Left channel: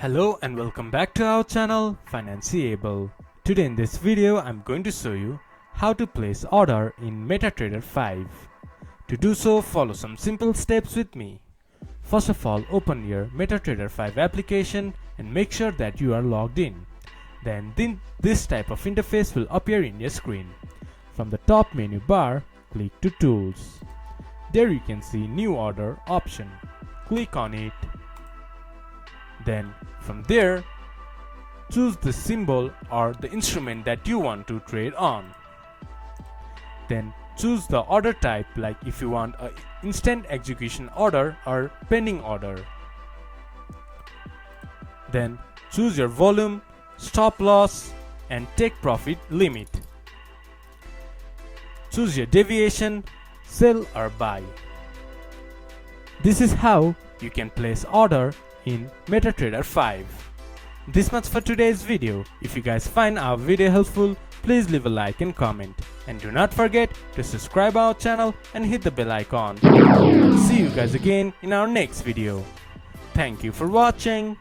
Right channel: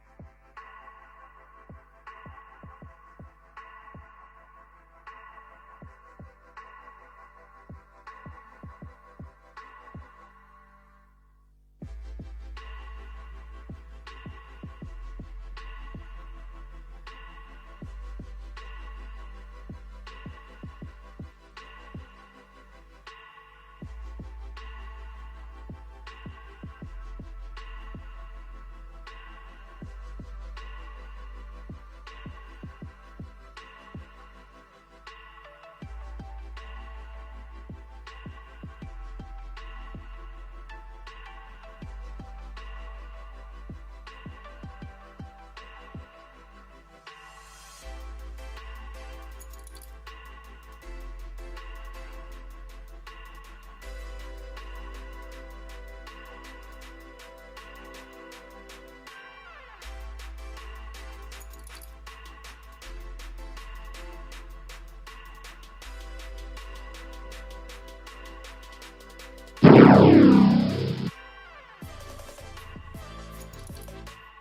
Hello and welcome back to our channel Financeable. Today in this video I'm going to show you how to place order in MetaTrader 5. To do so, follow some simple steps with me. First of all, open your MetaTrader 5 application and make sure that you are logged in. Then this type of interface will appear in your screen. From the top menu bar, click to Tools. There you can see New Order option. Click on it. Then from there, choose the symbol or the instrument that you want to trade on. Then choose the order type, like if you want an instant execution order or pending order. Then choose your volume, stop loss and take profit limit. Choose your deviation, sell or buy. This is how you can place order in MetaTrader 5. This much for today's video. If you guys find our video helpful, please leave a like and comment. And do not forget to subscribe our channel and hit the bell icon. See you guys again in our next video. Thank you for watching.